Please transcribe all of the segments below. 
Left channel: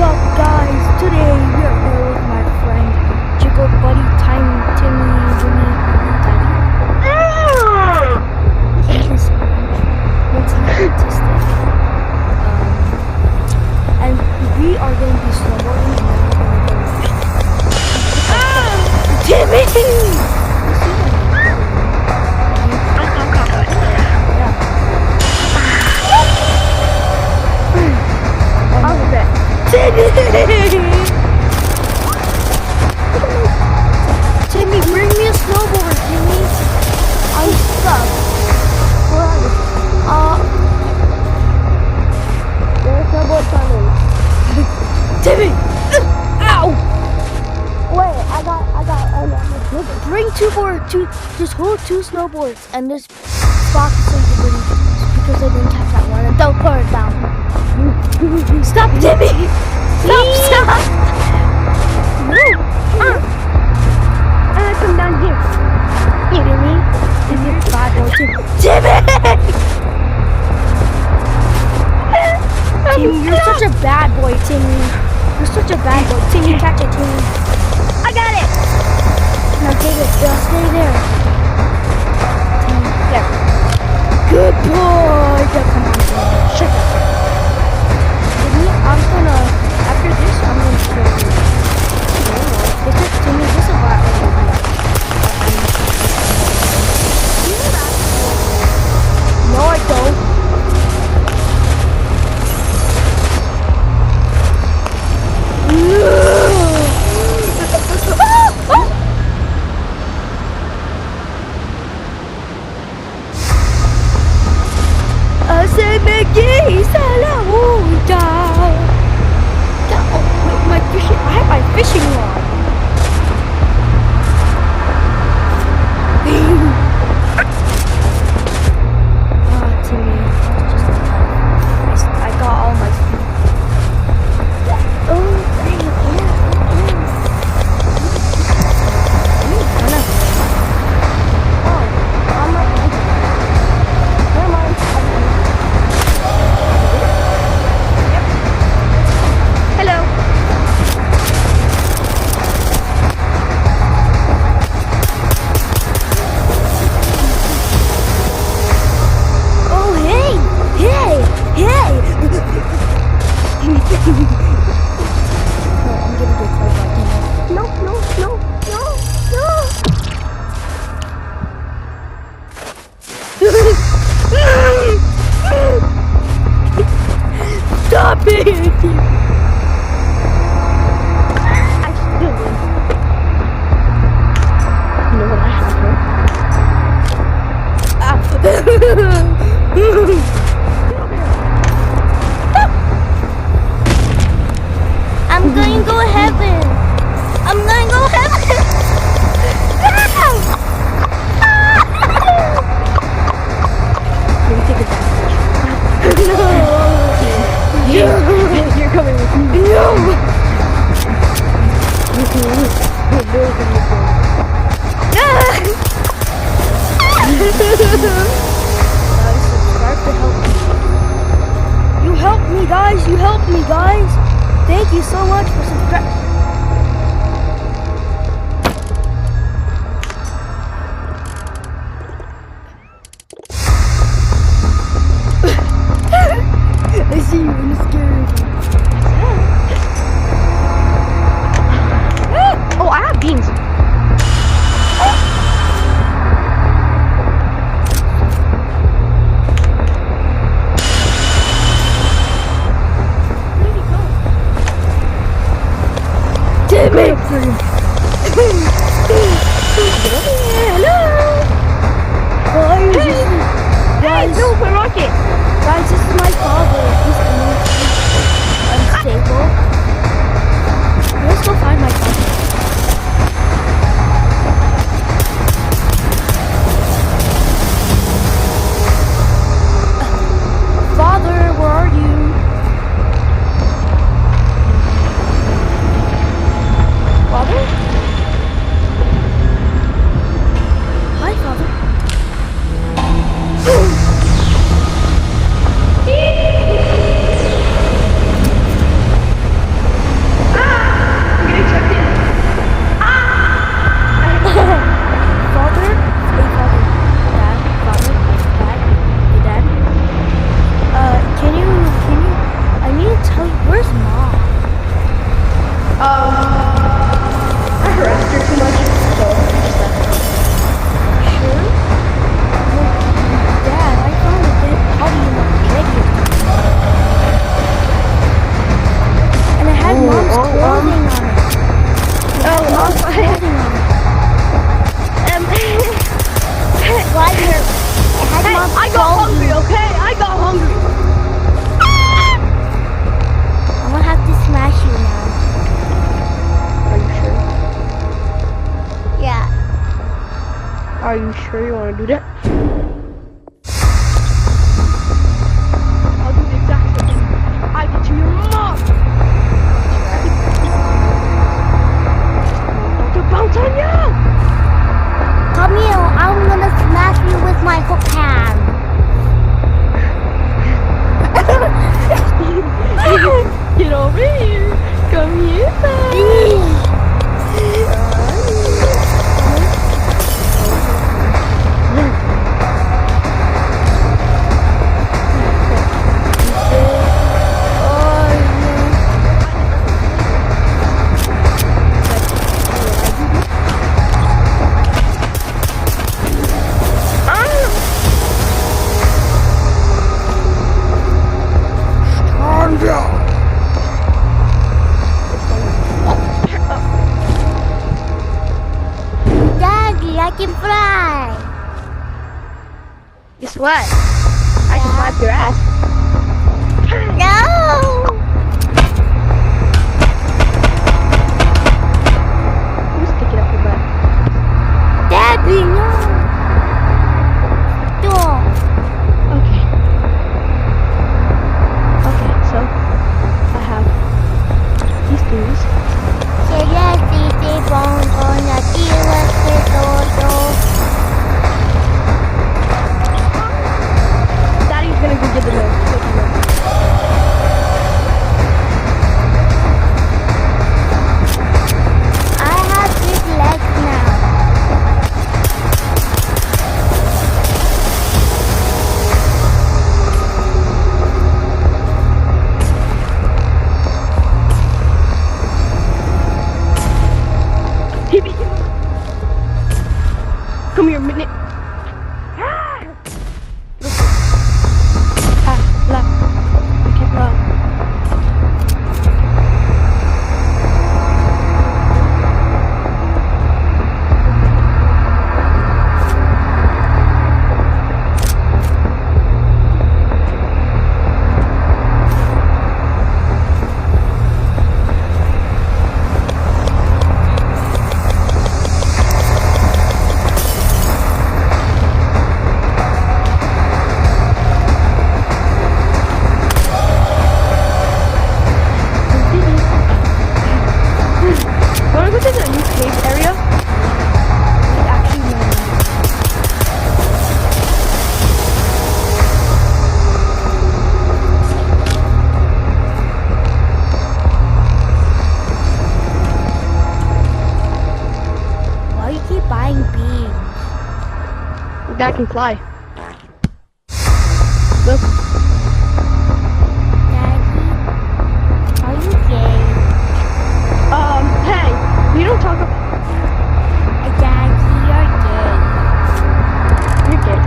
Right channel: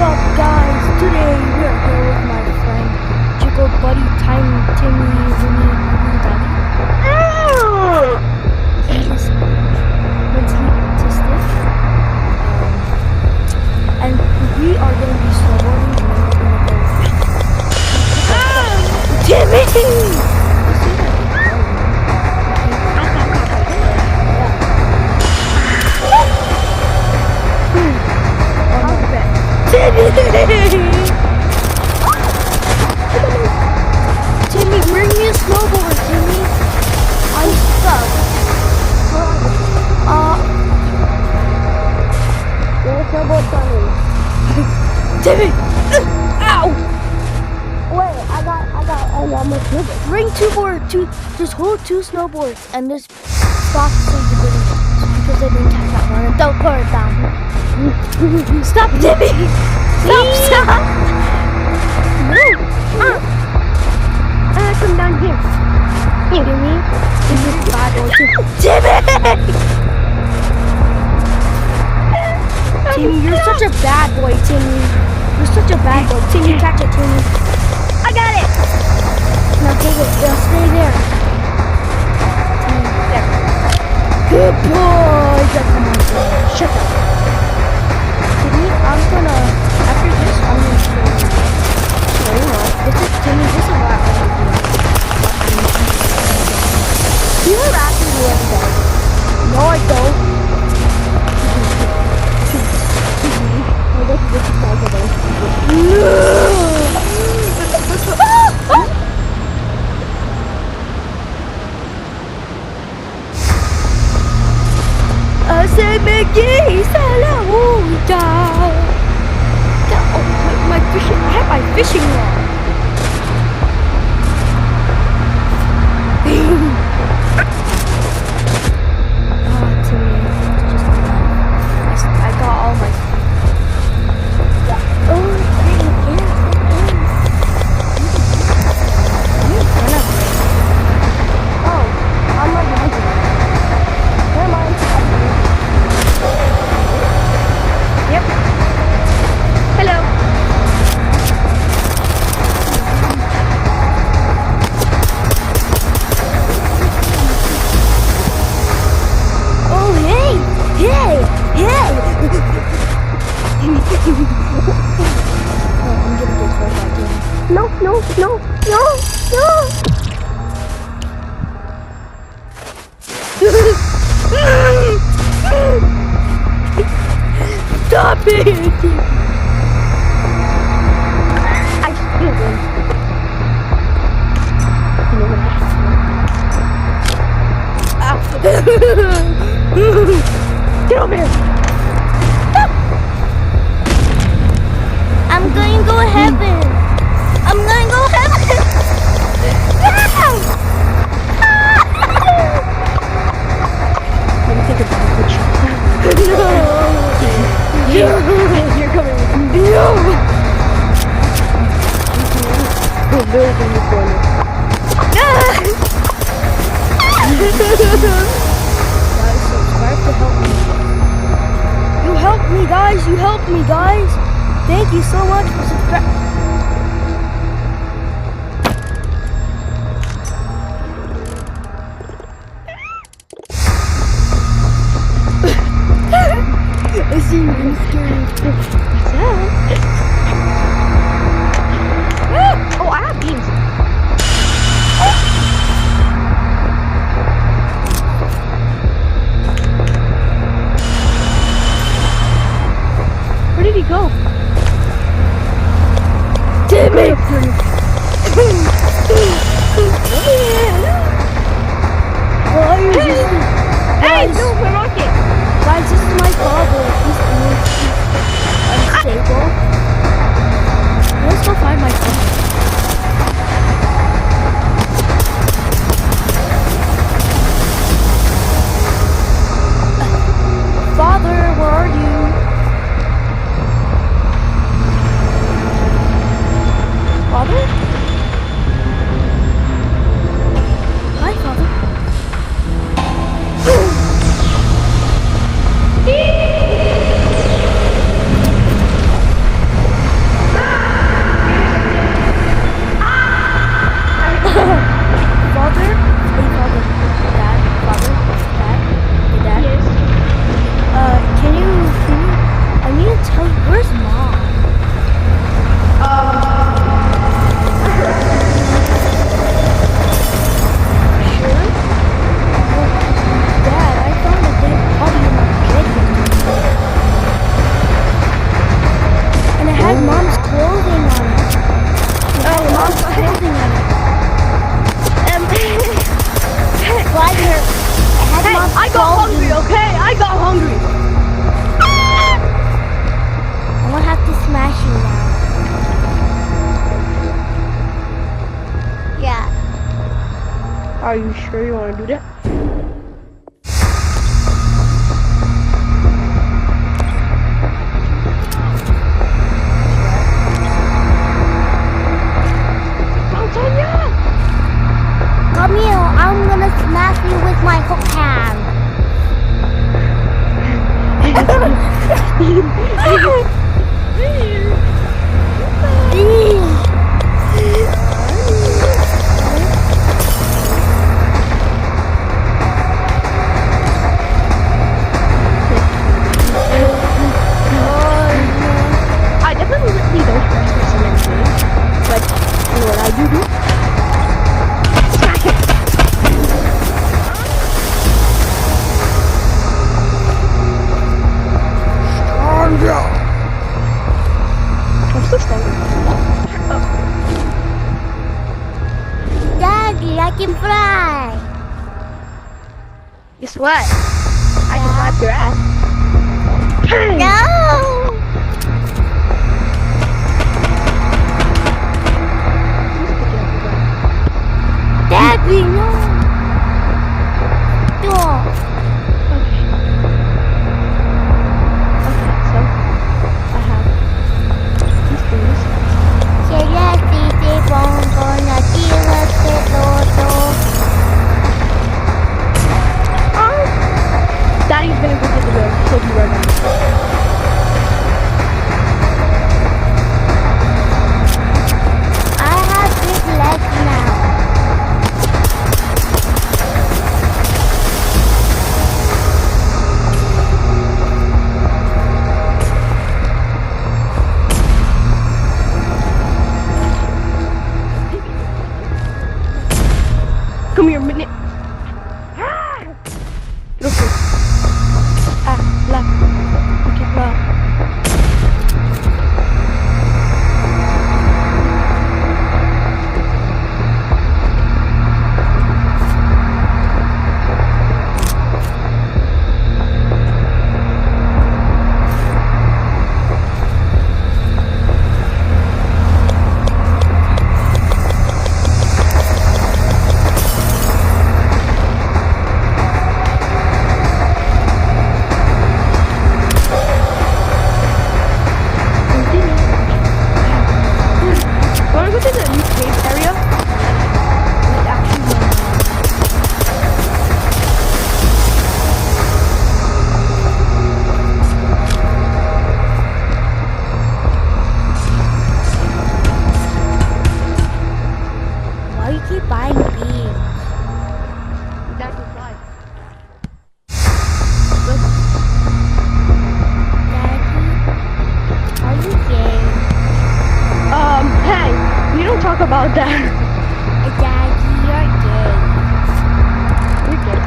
up, guys? Today we are here with my friend Jiggle Buddy, Tiny Timmy, Winnie, Daddy. He is mentally autistic, and we are going to be snowboarding, and then we're going to go. Timmy! You seem like a girl, you know? Yeah. Oh, no. Timmy! Timmy, bring me a snowboard, Timmy. I'm stuck. Where are you? There's a snowboard coming. Timmy! Ow! Wait, I got my snowboard. Bring just hold two snowboards and just stop so you can bring, because I didn't catch that one, and don't put it down. Stop, Timmy! Stop! No! Come down here. Timmy, this is bad boy. Timmy! Timmy, you're such a bad boy, Timmy. You're such a bad boy. Timmy, catch it, Timmy. I got it! Now take it. Stay there. Timmy, there. Good boy! Come on, Timmy. Shut up. Timmy, after this, I'm gonna show you. Timmy, this is what I already do. You have asked me every day. No, I don't. Oh, wait, my fishing. I have my fishing rod. Timmy, that's just my life. I got all my feet. Oh, dang, yeah. I'm in front of you. Oh, I'm right behind you. Never mind, I'll be here. Yep. Hello. Oh, hey! No, I'm gonna get killed by Timmy. No. Stop it! I still win. You know what I have, Get over here! I'm going to go heaven! Let me take advantage. No! You're coming with me. No! There's in the corner. Guys, subscribe to help me. You helped me, guys. Thank you so much for subscribing. I see you in the scary. What's up? Oh, I have beans. Where did he go? Timmy! Hello! Guys, no, my rocket! Guys, this is my father. He's unstable. Let's go find my father. Father, where are you? Father? Hi, Father. tell you, where's Mom? I harassed her too much. Sure? Well, Dad, I found a dead body in our bed yesterday. And it had Mom's clothing on it. It had Mom's clothing on it. Right here. It had Mom's I got clothing. hungry, okay? I got hungry. I'm gonna have to smash you now. Are you sure? Yeah. Are you sure you want to do that? I'll do the exact same thing I did to your mom. To bounce on you! Come here, I'm gonna smash you with my hook hand. Get over here. Come here. I definitely don't harass my son every day, but you know what I do? Smack it. Stronger. I'm still stronger. Daddy, I can fly. Guess what? I can slap your ass. No. Who's picking up your butt? Daddy, no. Don't. Okay. Okay, so I have these things. Celeste, gonna deal with it, Lord. Daddy's gonna go get the milk. He'll be right back. I have big legs now. Come here, minute. La. Okay, la. Wanna go to the new cave area? Wait, actually, no. Why you keep buying beans? That can fly. Look. Daddy, are you gay? Hey, we don't talk about that. Daddy, you're gay. You're gay.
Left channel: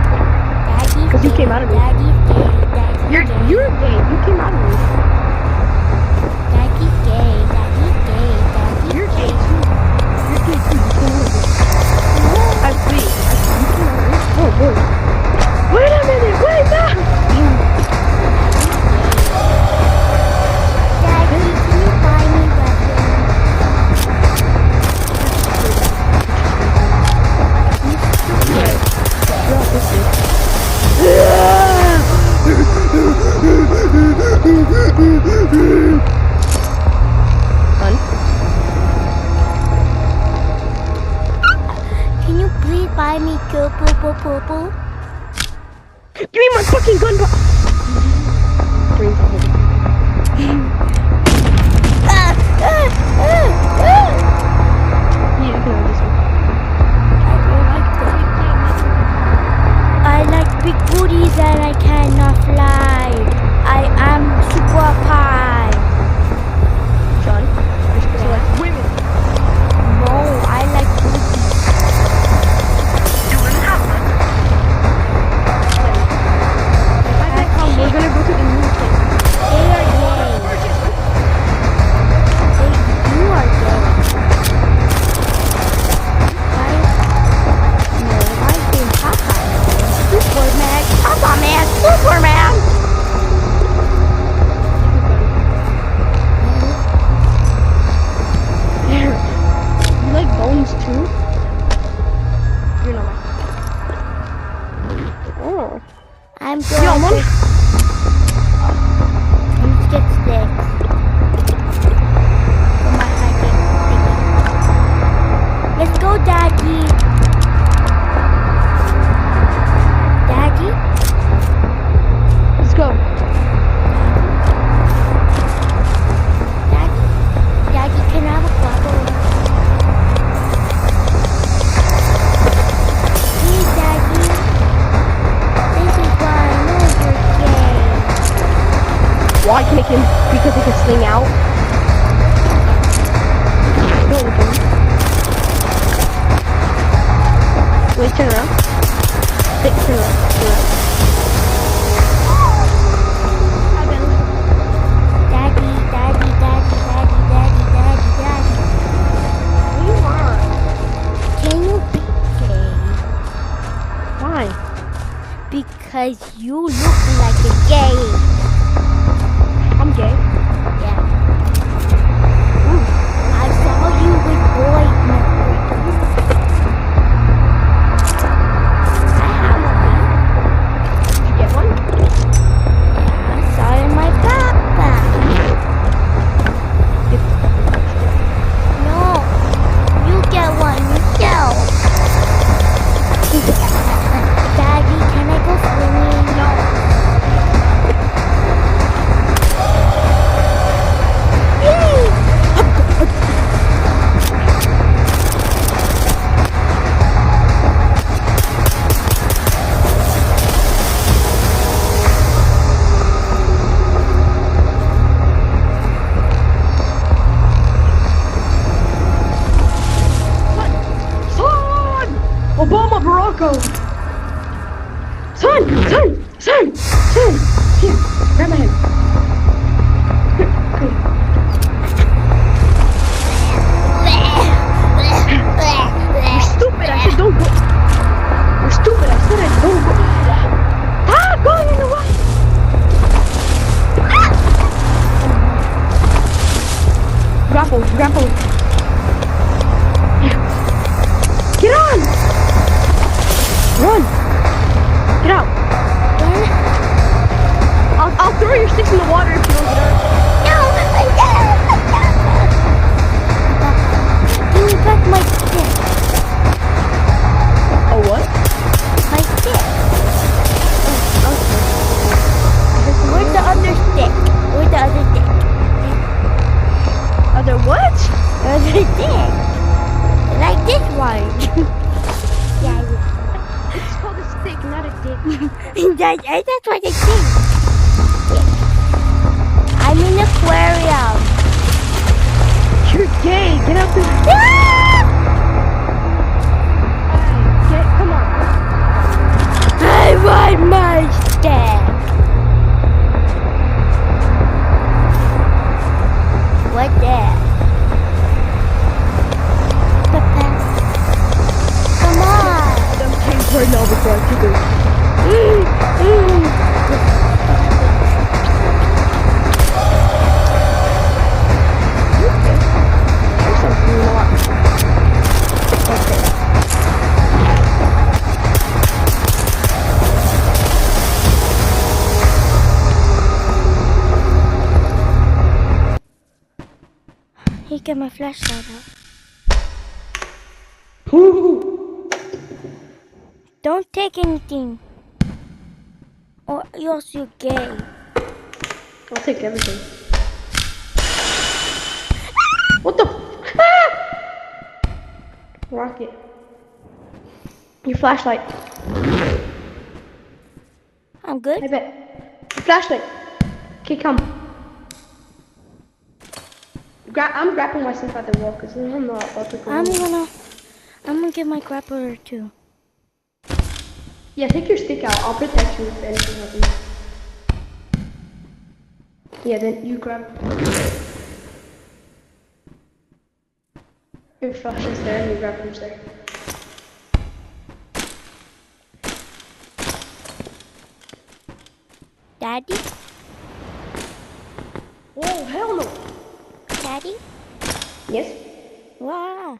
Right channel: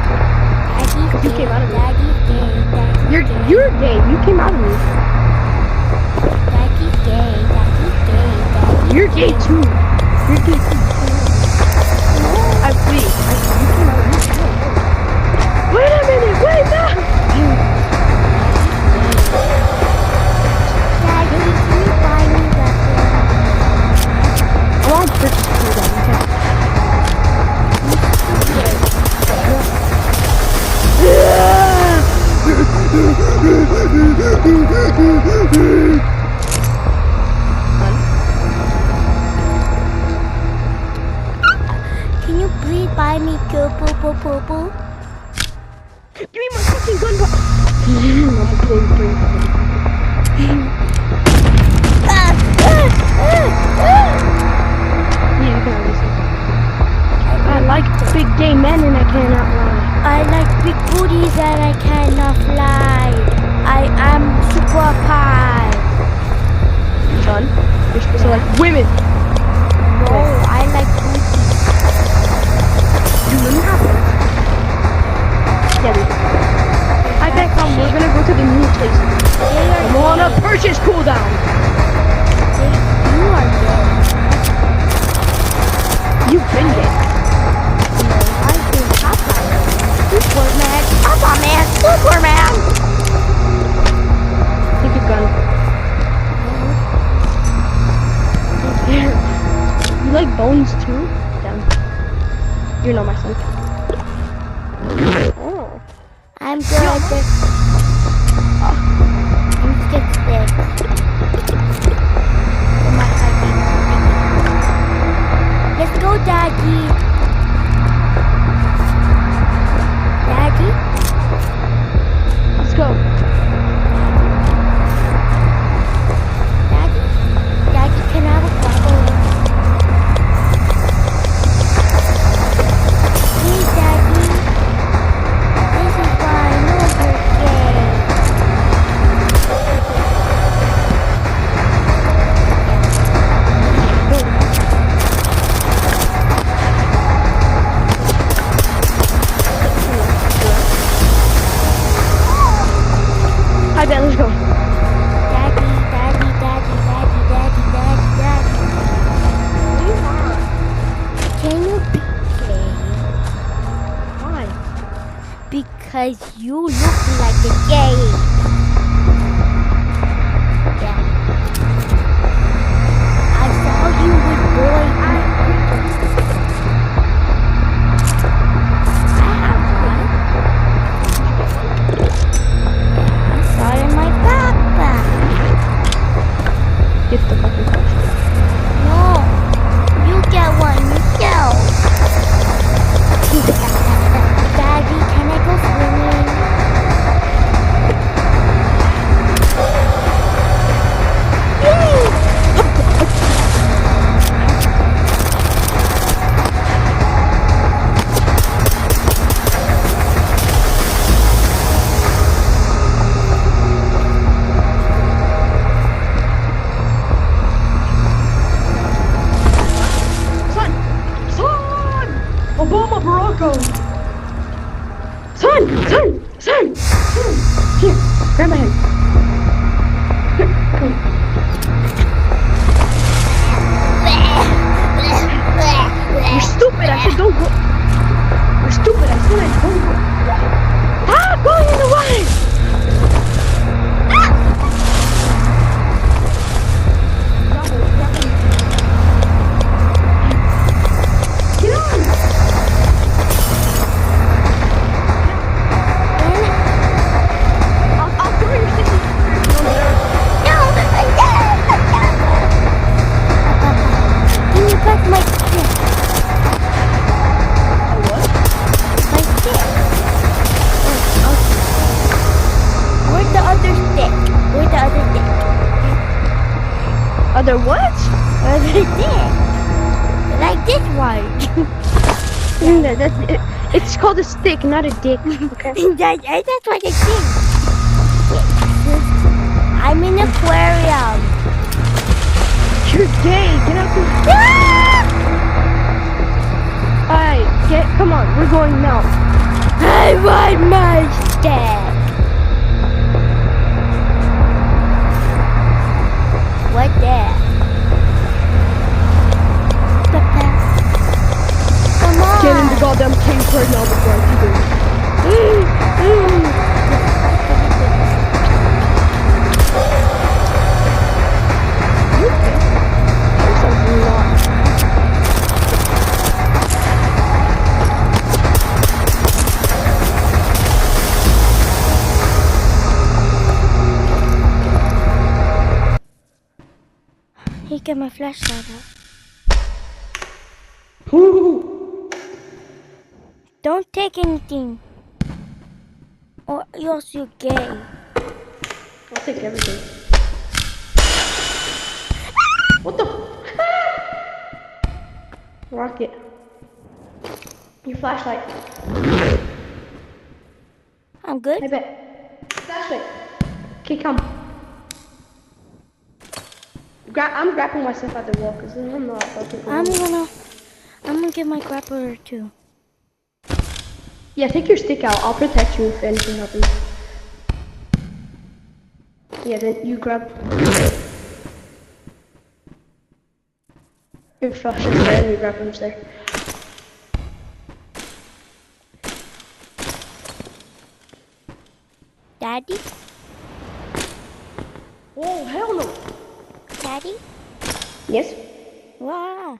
Daddy's 'Cause gay. you came out of me. Daddy's gay. Daddy's You're gay. gay. You came out of me. Daddy's gay. Daddy's gay. Daddy's You're gay too. You're gay too. You came out of me. No. You came out of me. Oh boy. Wait a minute. Wait now. Daddy's gay. Daddy, can you buy me weapons? I want to purchase food. You can't purchase food. You're stupid. You're autistic. Hun? Can you please buy me poo? Give me my fucking gun back. I'm gonna blow your brains out, motherfucker. Yeah, you can have this one. I like the big gay men and I cannot lie. I like big booties and I cannot fly. I am super pie. son. You're supposed to like women. No, I like boobies. Do women have butts? Yeah, they do. I bet come, we're gonna go to the new place. They are I'm on a gay. purchase cooldown. You are gay. You've been Right? gay. No, I've been Papa Man. Superman. Papa Man. Superman. Take a gun. Here. You like bones too? Damn. You're not my son. Oh. I'm good Yo, at Mom. this. Let me get sticks. For my hiking thingy. Let's go, Daddy. Daddy? Let's go. Daddy? Daddy, can I have a guava? Hey, Daddy. This is why I know you're gay. Why can make him? Because he can sling out. Yeah. Don't look at me. Wait, turn around. Wait, turn around. Turn around. Hi, Ben, let's go. Daddy, Daddy, Daddy, Daddy, Daddy, Daddy, Daddy. What do you want? Can you be gay? Why? Because you look like a gay. I'm gay. Yeah. I saw you with boy necklaces. I have one. Did you get one? Yeah, I saw it in my backpack. Get the fucking flashlight. No, you get one yourself. Daddy, can I go swimming? Son! Son! Obama Baracko! Son! Son! Son! Son! Here, grab my hand. Here, come. You're stupid! I said don't go. You're stupid! I said I don't go. Ah! Going in the way! Grapple! Grapple! Get on! Run! Get out! I'll throw your sticks in the water if you don't get out. No, Papa, give me back my stick. A what? My stick. Oh, okay. Where's the other stick? Where's the other stick? Other what? Other stick. Like this one. Yeah, it's called a stick, not a dick. Okay. That's what I think. I'm in an aquarium. You're gay. Get out the. Alright, come on. We're going now. I want my stick. What that? Papa. Come on. Get in the goddamn cave right now before I kick you. You okay? Your son's not. Hey, get my flashlight out. Don't take anything. Or else you're gay. I'll take everything. What the? Ah! Rocket. Your flashlight. I'm good. I bet. Flashlight. Okay, come. I'm grappling myself at the wall because I'm not about to go. I'm gonna get my grappler too. Yeah, take your stick out. I'll protect you if anything happens. Yeah, then you grab. Your flash is there and your grappler's there. Daddy? Oh, hell no. Daddy? Yes? Wow.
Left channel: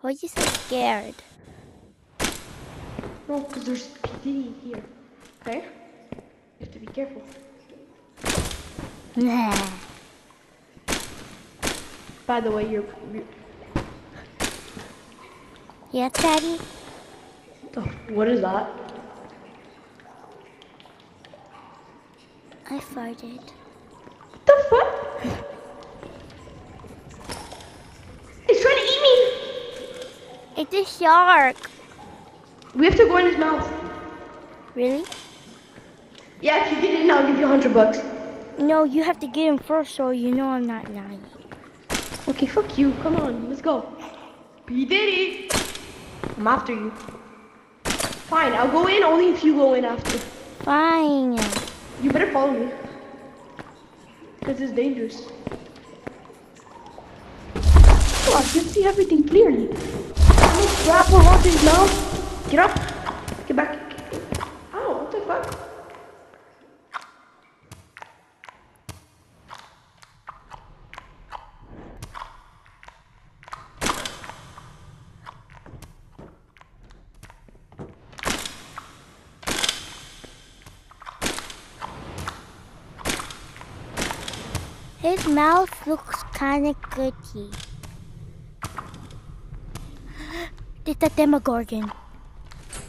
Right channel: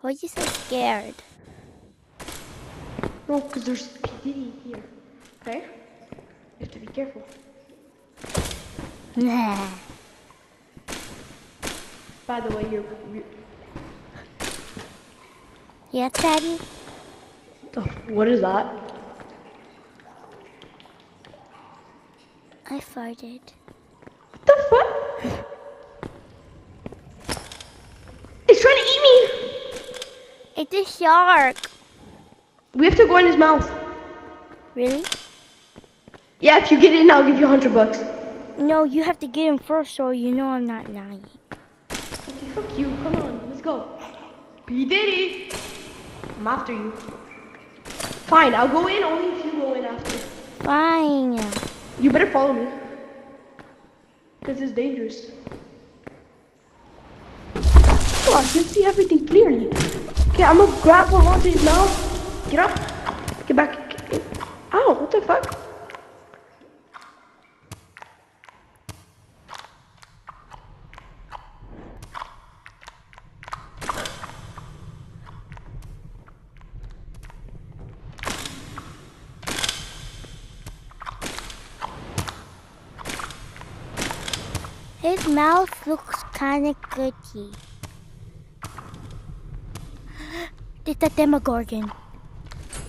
Why are you so scared? No, because there's P. Diddy here. Okay? You have to be careful. Nah. By the way, you're Yes, Daddy? oh, what is that? I farted. What the fuck? It's trying to eat me! It's a shark. We have to go in his mouth. Really? Yeah, if you get in, I'll give you $100. No, you have to get him first so you know I'm not lying. Okay, fuck you. Come on, let's go. P. Diddy! I'm after you. Fine, I'll go in only if you go in after. Fine. You better follow me. Because it's dangerous. Oh, I can see everything clearly. Okay, I'm gonna grapple onto his mouth. Get up. Get back. Ow, what the fuck? His mouth looks kind of gutty. It's a Demogorgon.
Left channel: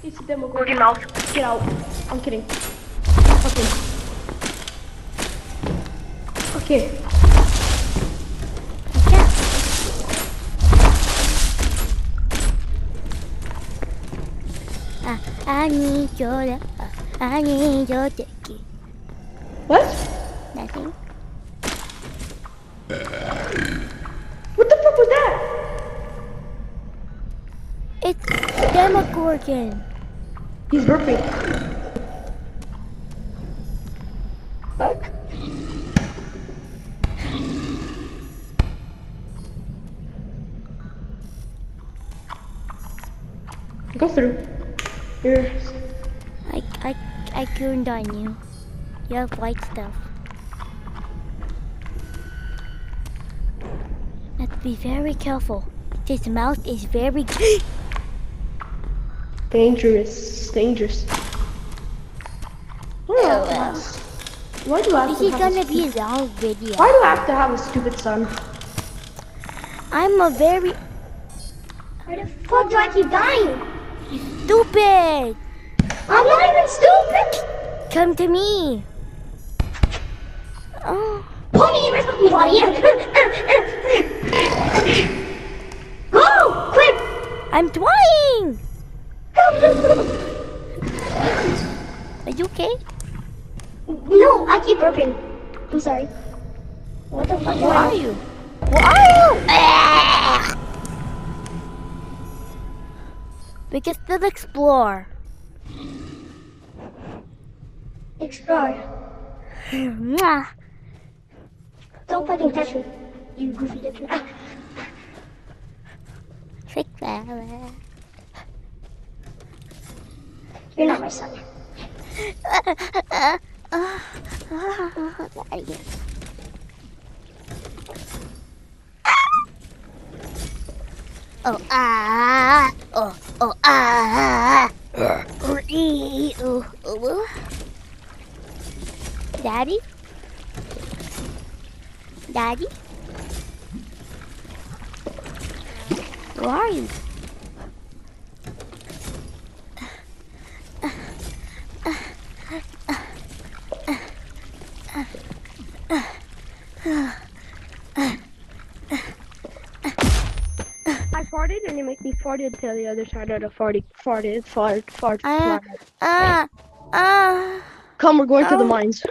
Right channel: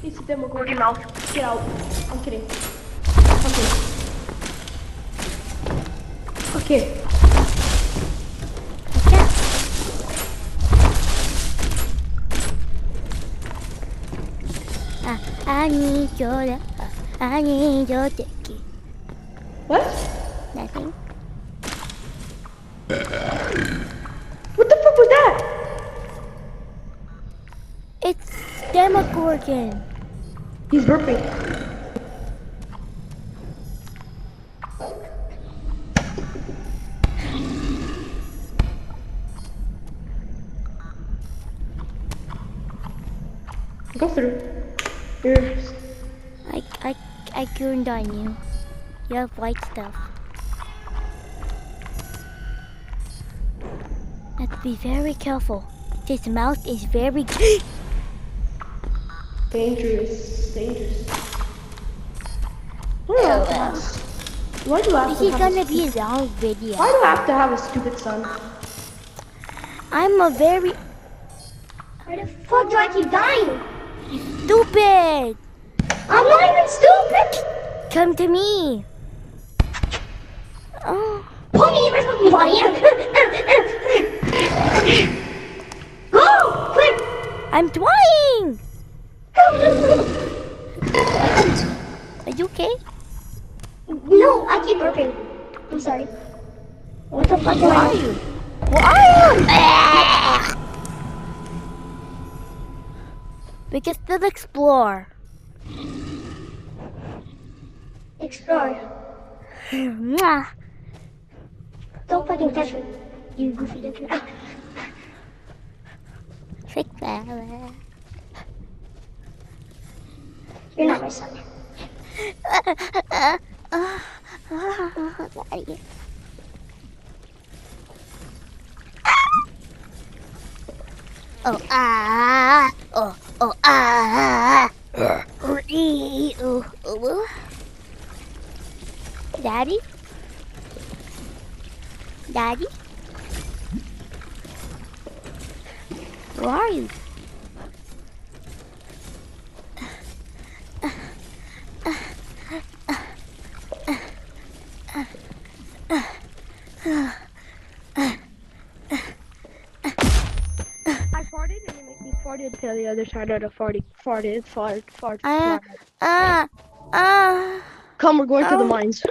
It's a Demogorgon mouth. Get out. I'm kidding. Okay. Okay. I need your love. I need your dicky. What? Nothing. What the fuck was that? It's Demogorgon. He's burping. Go through. Here. I turned on you. You have white stuff. Have to be very careful. His mouth is very Dangerous. Dangerous. Why do I have This to is have gonna a be a long video. Why do I have to have a stupid son? I'm a very Why the fuck do I keep dying? stupid. I'm not even stupid! Come to me. Oh, Pull me in my fucking body! Go! Quick! I'm trying. Are you okay? No, I keep burping. I'm sorry. What the fuck Where are you? Where are you? We can still explore. Explore. Mwah. Don't fucking touch me, you goofy looking. Trick that. You're not my son. Oh ah. Daddy? Daddy? Where are you? I farted and it made me farted to the other side of the fart. Come, we're going to the mines.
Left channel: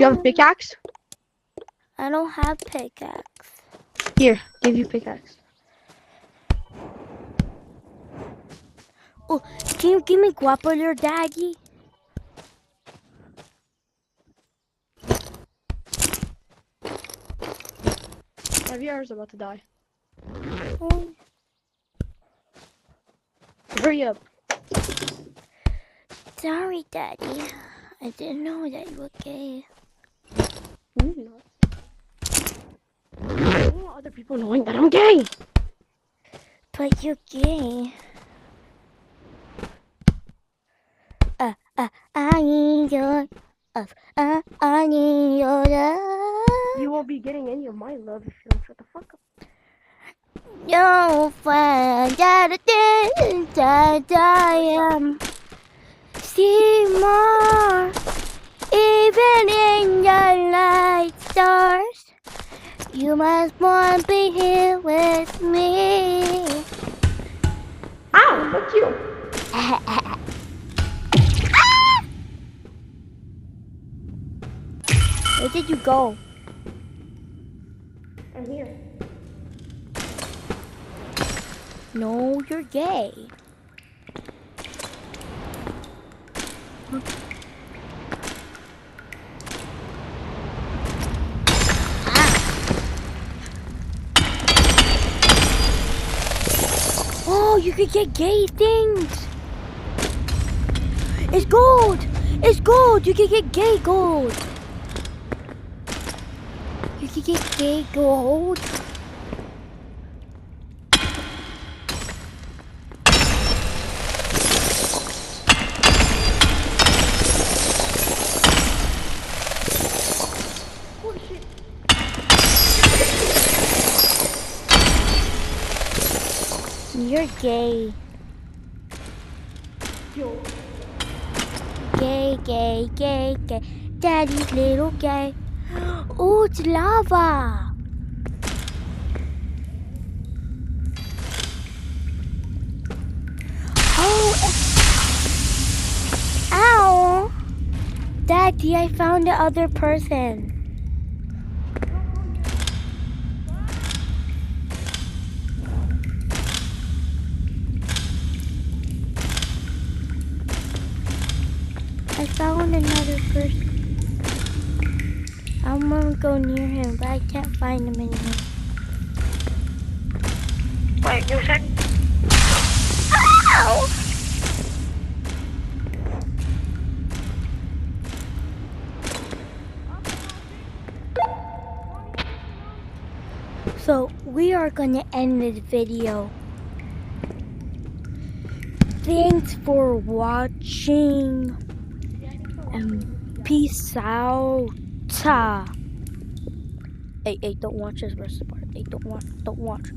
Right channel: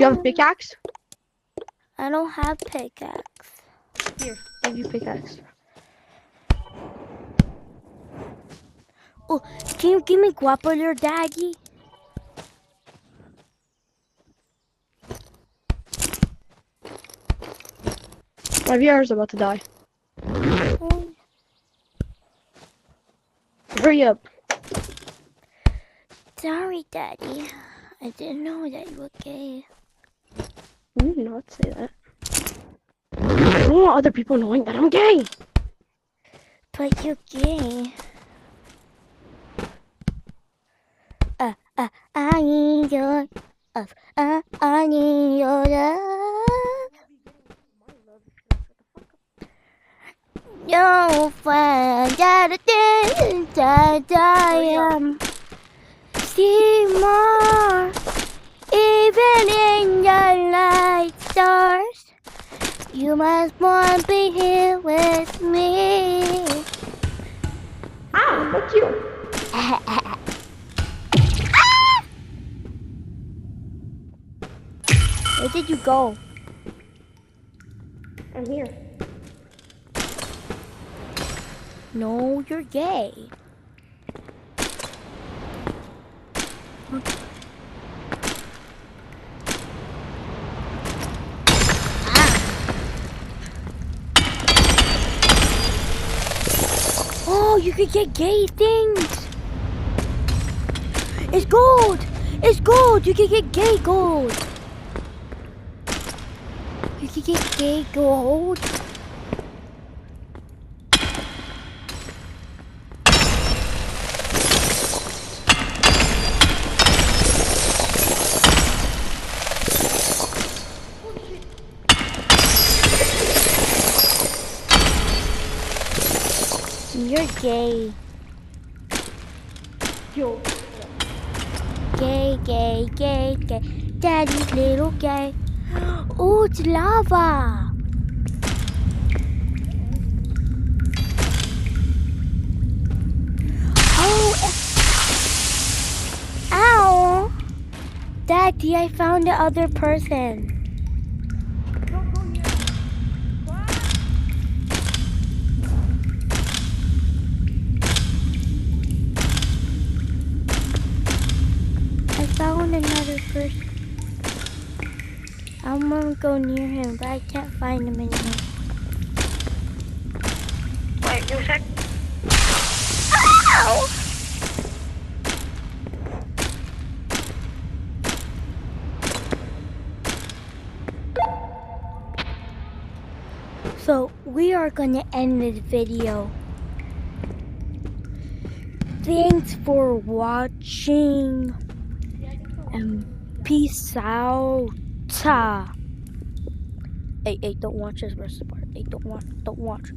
you have a pickaxe? I don't have pickaxe. Here, give you pickaxe. Oh, can you give me guapo, your daddy? My VR is about to die. Oh, Hurry up. sorry, daddy. I didn't know that you were gay. You did not say that. I don't want other people knowing that I'm gay. But you're gay. I need your love. I need your love. You won't be getting any of my love if you don't shut the fuck up. You'll find that I am. See more. Even in the light stars, you must want to be here with me. Ow, fuck you. Where did you go? I'm here. No, you're gay. Oh, you could get gay things. It's gold. It's gold. You can get gay gold. You can get gay gold. You're gay. Yo. Gay, gay, gay, gay. Daddy's little gay. Oh, it's lava. Oh. Ow. Daddy, I found the other person. I found another person. I'm gonna go near him, but I can't find him anymore. Wait, give a sec. Ow! So we are gonna end this video. Thanks for watching. And peace out. Hey, don't watch this rest of the part. Hey, don't watch.